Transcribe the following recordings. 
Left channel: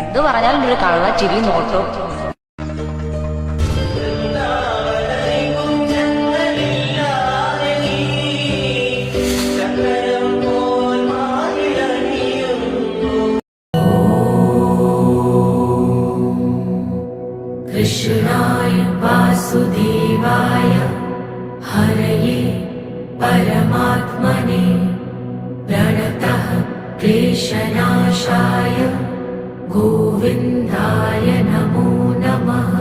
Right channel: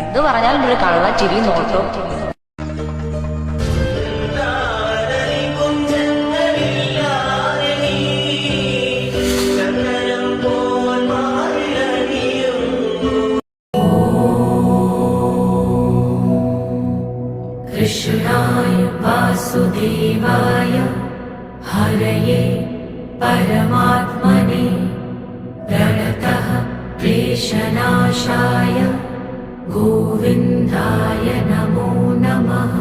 എന്തു പറഞ്ഞാലും ഒരു കള്ള ചിരി നോട്ടും. कृष्णाय वासुदेवाय हरये परमात्मने प्रणतः क्लेशनाशाय गोविन्दाय नमो नमः।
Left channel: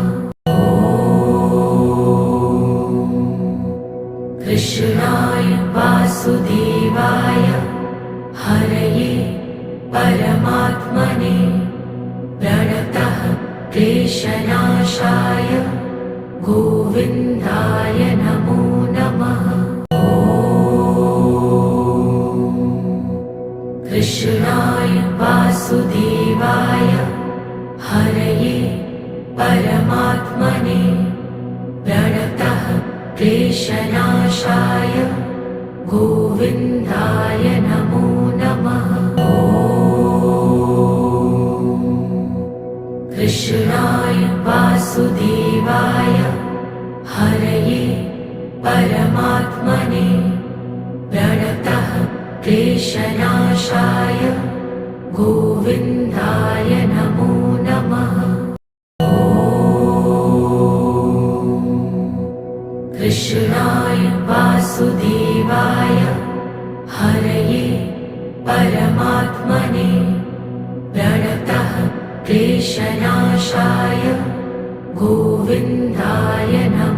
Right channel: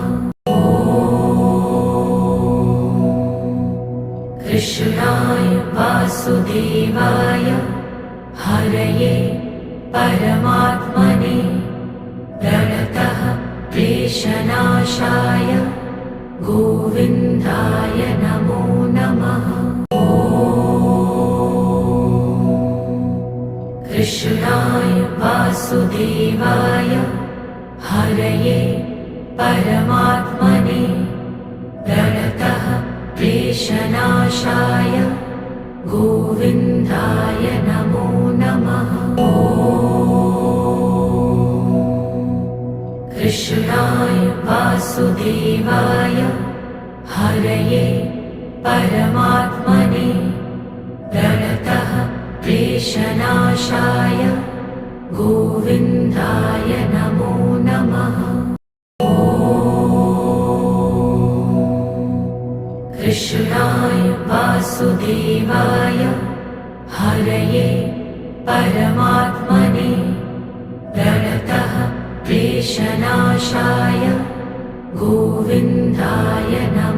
कृष्णाय वासुदेवाय हरये परमात्मने प्रणतः क्लेशनाशाय गोविन्दाय नमो नमः। कृष्णाय वासुदेवाय हरये परमात्मने प्रणतः क्लेशनाशाय गोविन्दाय नमो नमः। कृष्णाय वासुदेवाय हरये परमात्मने प्रणतः क्लेशनाशाय गोविन्दाय नमो नमः। कृष्णाय वासुदेवाय हरये परमात्मने प्रणतः क्लेशनाशाय गोविन्दाय नमः।